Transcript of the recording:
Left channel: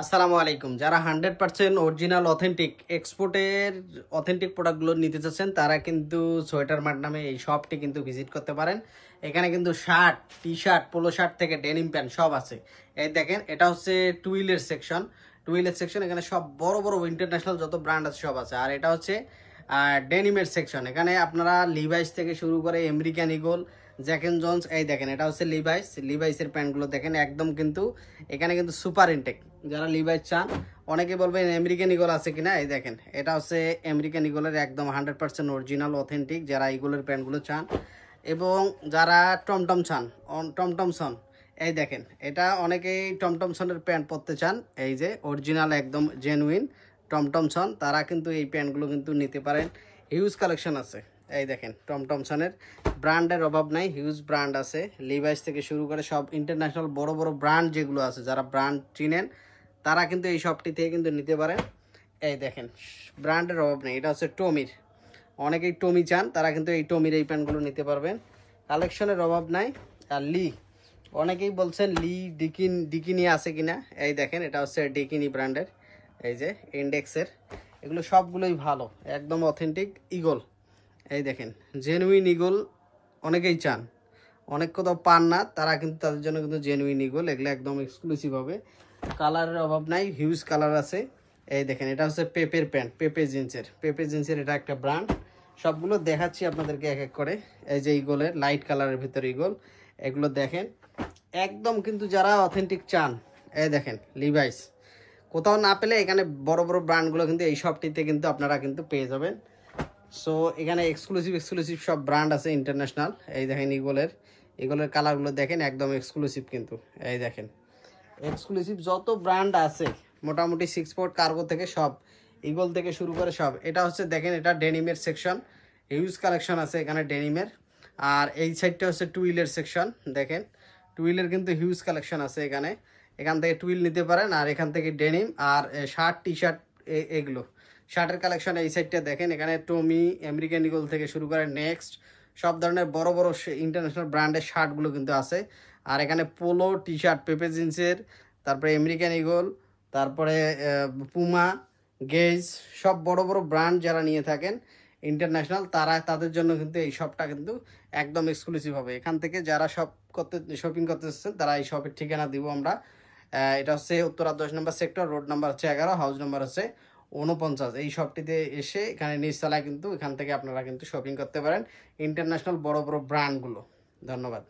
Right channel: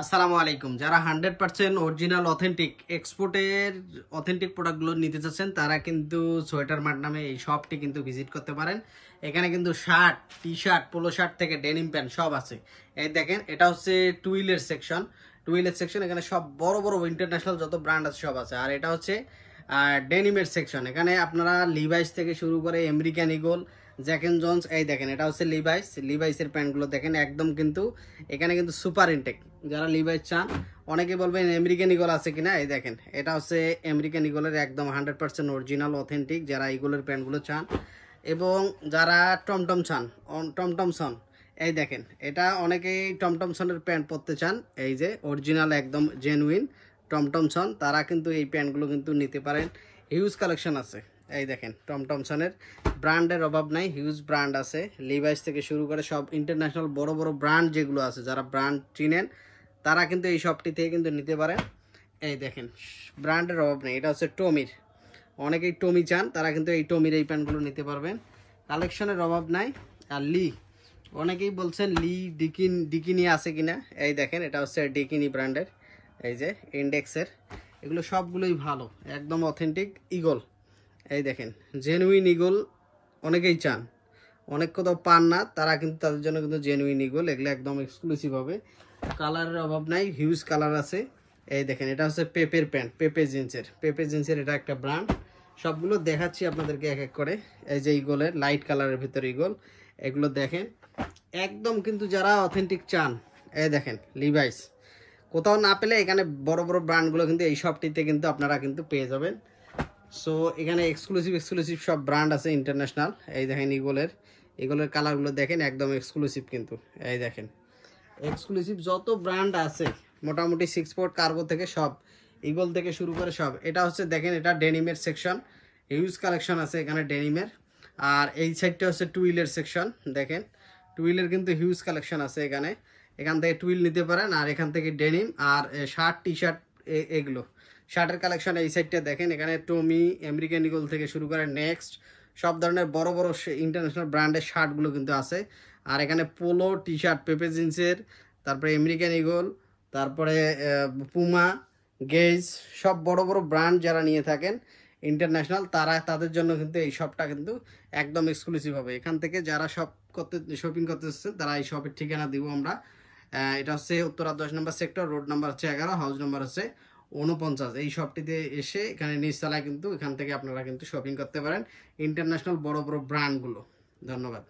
আসসালামু আলাইকুম। যারা 100% অরিজিনাল অথেন্টিক এক্সপোর্টের অথেন্টিক প্রোডাক্টগুলো নিতে চাচ্ছেন তারা কিন্তু সোয়েটার মার্ট নামে এই শপটি কিন্তু ভিজিট করতে পারেন। এখানে কিন্তু shirt, T shirt, polo shirt থেকে ডেনিম প্যান্ট সব আছে। এই দেখেন, এটা হচ্ছে টুইলের সেকশন। টুইলের সেকশন, এখানে সব বড় বড় ইন্টারন্যাশনাল যত ব্র্যান্ড আছে সব আছে। আর এটা হচ্ছে ডেনিমের সেকশন। এখানে আপনারা লিভাইস থেকে শুরু করে American Eagle, Jack and Jones, এই দেখেন এটা হচ্ছে লিভাইসের প্যান্টগুলো দেখেন একদম কিন্তু এখানে কিন্তু সুপার ইনটেক। যারা লিভাইস চান, অনেকে বলবেন আমেরিকান ইগল আছে কিনা, এই দেখেন এটা হচ্ছে আমেরিকান ইগলের একদম 100% অরিজিনাল অথেন্টিক। যারা ইগলের প্যান্টগুলো চান এবং যারা টমটম চান, টমটমসন, এই দেখেন এটা অনেকেই টমটমসনের প্যান্ট পরতে চান। এই যে অরিজিনাল একদম জেনুইন টমটমসন, তারা কিন্তু এই প্যান্টগুলো কিন্তু নিতে পারেন। হিউজ কালেকশন আছে। এই দেখেন টমটমসনের ব্র্যান্ডের অভাব নাই, হিউজ ব্র্যান্ড আছে। লিভাইস থেকে শুরু করে সব ইন্টারন্যাশনাল বড় বড় ব্র্যান্ড যেগুলো আছে, যারা ব্র্যান্ড চিনেন তারা কিন্তু এই শপটি থেকে কিন্তু নিতে পারেন। এই দেখেন ব্র্যান্ডের অভাব নেই। এটা হচ্ছে টমির, অনেকেই টমি চান, তারা কিন্তু এই টমির এই প্যান্টগুলো নিতে পারবেন। কালেকশনের অভাব নাই। আর অনেকেই বলছেন ডিকিনি আছে কিনা, এই দেখেন এটা হচ্ছে ডিকিনি ব্র্যান্ডের। এই যে ইন্ডেক্সের, এগুলো সবগুলোই ভালো, একদম অথেন্টিক ইগল। এই দেখেন জেনুইন ইগল অনেকেই চান, অনেক কোথাও পান না, তারা কিন্তু তাদের জন্য কিন্তু জেনুইন ইগল, এগুলো একদম এক্সক্লুসিভ হবে। কালারের অভাব নাই, হিউজ কালার আছে। এই দেখেন এটা হচ্ছে পেপের প্যান্ট, পেপে জিন্সের এটা একটা ব্র্যান্ড। সবগুলো দেখাচ্ছি আপনাদেরকে এক এক করে। এই যে ইগলের লাইট কালারের ভিতরে ইগল, এগুলো দেখেন একদম কিন্তু যারা অথেন্টিক চান। এই দেখেন লিভাইস, কোথাও না পেলে এখানে বড় বড় ব্র্যান্ডগুলো কিন্তু এই শপটিতে কিন্তু আপনারা কিন্তু পেয়ে যাবেন। সো এখানে এক্সক্লুসিভ সব ব্র্যান্ড আছে ইন্টারন্যাশনাল। এই দেখেন ইগলের কালারগুলো দেখেন একদম এক্সক্লুসিভ কিন্তু। এই দেখেন এক্সক্লুসিভ যত ব্র্যান্ড আছে মোটামুটি 6 পোর্ট কার্গো থেকে সব, ইগল থেকে শুরু করে সব। এটা হচ্ছে দেখেন এটা ডেনিমের সেকশন, হিউজ কালেকশন আছে এখানে ডেনিমের। আর এই সাইডটা হচ্ছে টুইলের সেকশন। দেখেন টুইলের কিন্তু হিউজ কালেকশন আছে এখানে, এখান থেকে টুইল নিতে পারেন। আর এখান থেকে ডেনিম আর শার্ট, টি শার্ট, এগুলো শার্টের কালেকশন। এই সাইডটা দেখেন এখানে টমি, আমেরিকান ইগল থেকে শুরু করে নেক্সট সব ধরনের বড় বড় ইন্টারন্যাশনাল ব্র্যান্ডের শার্টগুলো কিন্তু আছে। আর এখানে পোলো, টি শার্ট, পেপে জিন্সের, তারপরে আমেরিকান ইগল, তারপরে পুমা, গেজ, সব বড় বড় ব্র্যান্ড যারা নিয়ে থাকেন ইন্টারন্যাশনাল, তারা তাদের জন্য কিন্তু এই শপটা কিন্তু একদম এক্সক্লুসিভ হবে। এখান থেকে যারা শপিং করতে চাচ্ছেন তারা এই শপের ঠিকানা দিব আমরা। এটা হচ্ছে উত্তরা 10 নম্বর সেক্টর, রোড নাম্বার হচ্ছে 11, হাউস নাম্বার হচ্ছে 49। এই শপটিতে এসে এখানে নিচতলায় কিন্তু এখান থেকে আপনারা কিন্তু শপিং করতে পারেন ইন্টারন্যাশনাল বড় বড় ব্র্যান্ডগুলো। ধন্যবাদ।